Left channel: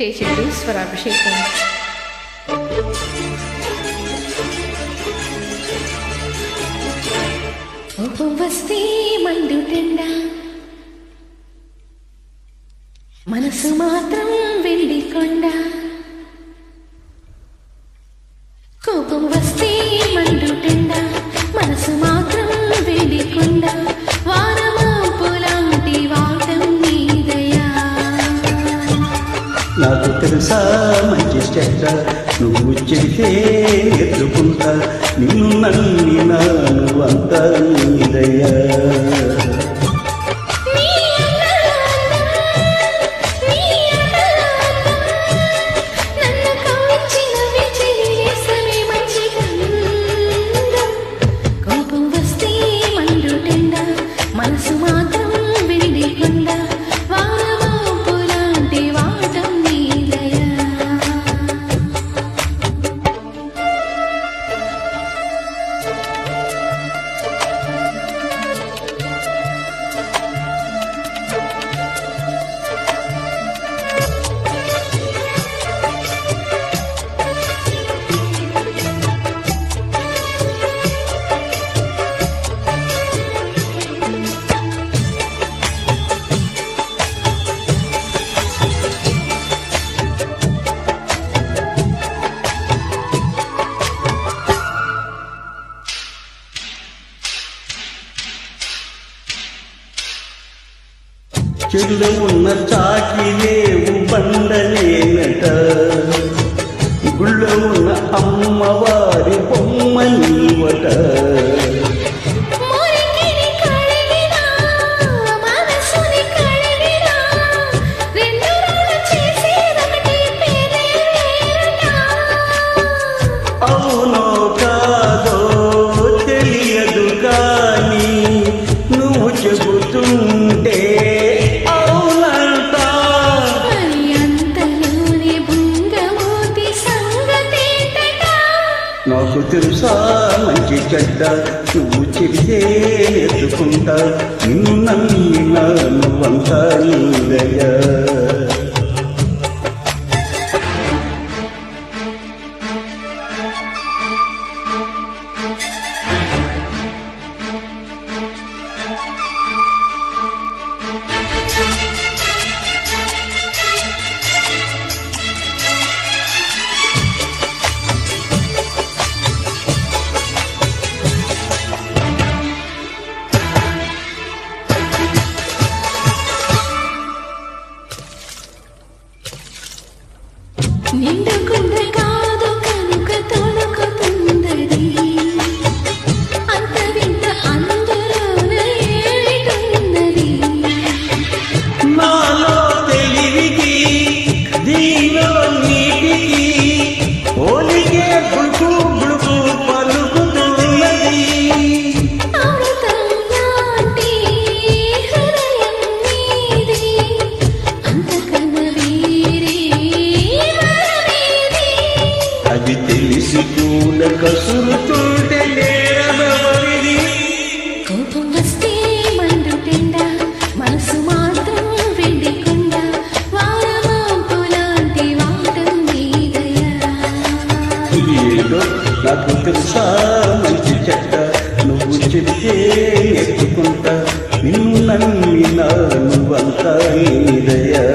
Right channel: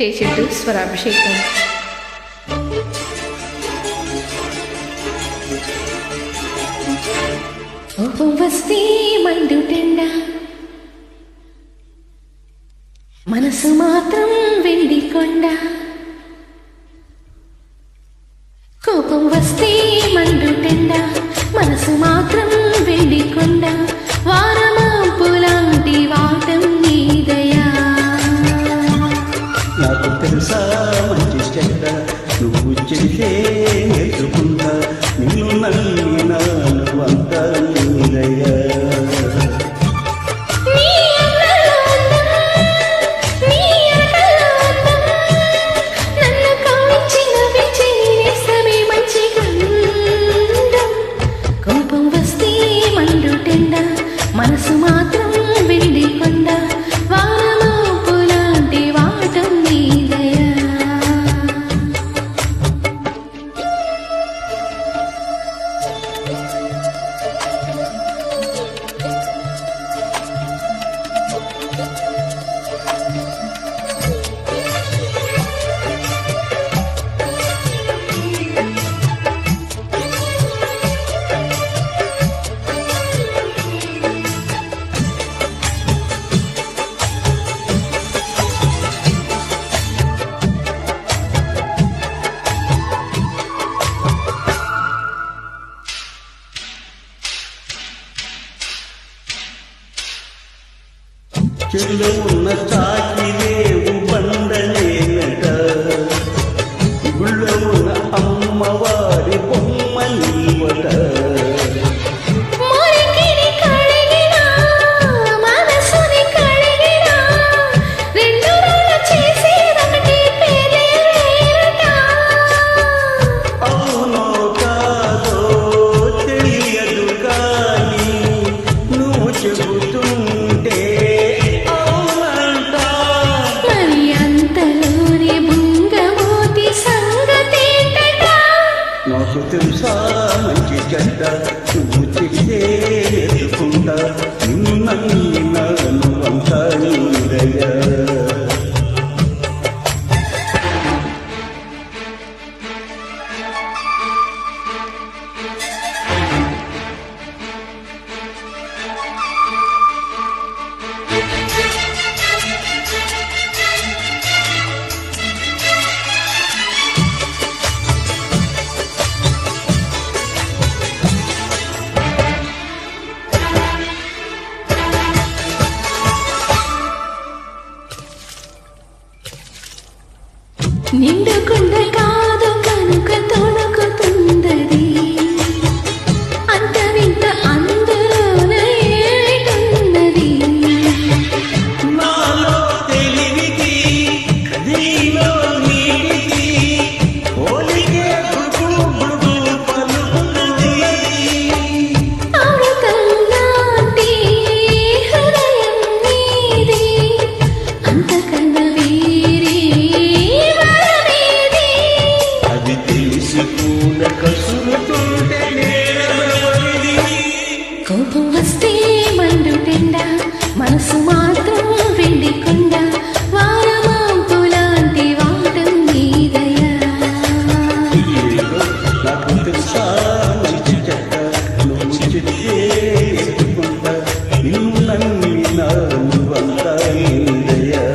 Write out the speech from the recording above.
చేసిండు స్వరాభిషేకం. కోపం వస్తే మండుటెండా, మనసు మాత్రం వెండి కొండ. కోపం వస్తే మండుటెండా, మనసు మాత్రం వెండి కొండ. వారమాంపులాంటి వాటం నీదయా. నాకు తెలుసా మంచి చెడ్డ, నువ్వు చెబితే నేర్చుకుంటా. నిన్ను నమ్మినాను అంతా నీదయ్యా. కోపం వస్తే మండుటెండా, మనసు మాత్రం వెండి కొండ. వారమాంపులాంటి వాటం నీదయా. చెడులో ఉన్న చాకిలేవు బండనేనట, గుళ్ళో ఉన్న అమ్మవారి బొమ్మ నీవట. అవునో కాదో తెలియదు కానీ నువ్వు చెబుతుంటే నాకు తెలుసా మంచి చెడ్డ, నువ్వు చెబితే నేర్చుకుంటా. నిన్ను నమ్మినాను అంతా నీదయ్యా. నిండుకుండ కాదు కనుక తొణుకుతుందది, అంత వింత అందరూన ఏటున్నది. నాలో తెలివికి దీలో నీటికి పోలికే గుడుకు గుడుకు పలుకుతున్నది. అమృతం లాంటి హృదయం నీది, అంతకన్నా వేరే అది తెలిసి కూడా కసురుతుంటే నేరమవరిది. కోపం వస్తే మండుటెండా, మనసు మాత్రం వెండి కొండ. వారమాంపులాంటి వాటం నీదయా. ఏదో నాకు తెలుసా మంచి చెడ్డ, నువ్వు చెబితే నేర్చుకుంటా. నిన్ను నమ్మినాను అంతా నీదయ్యా.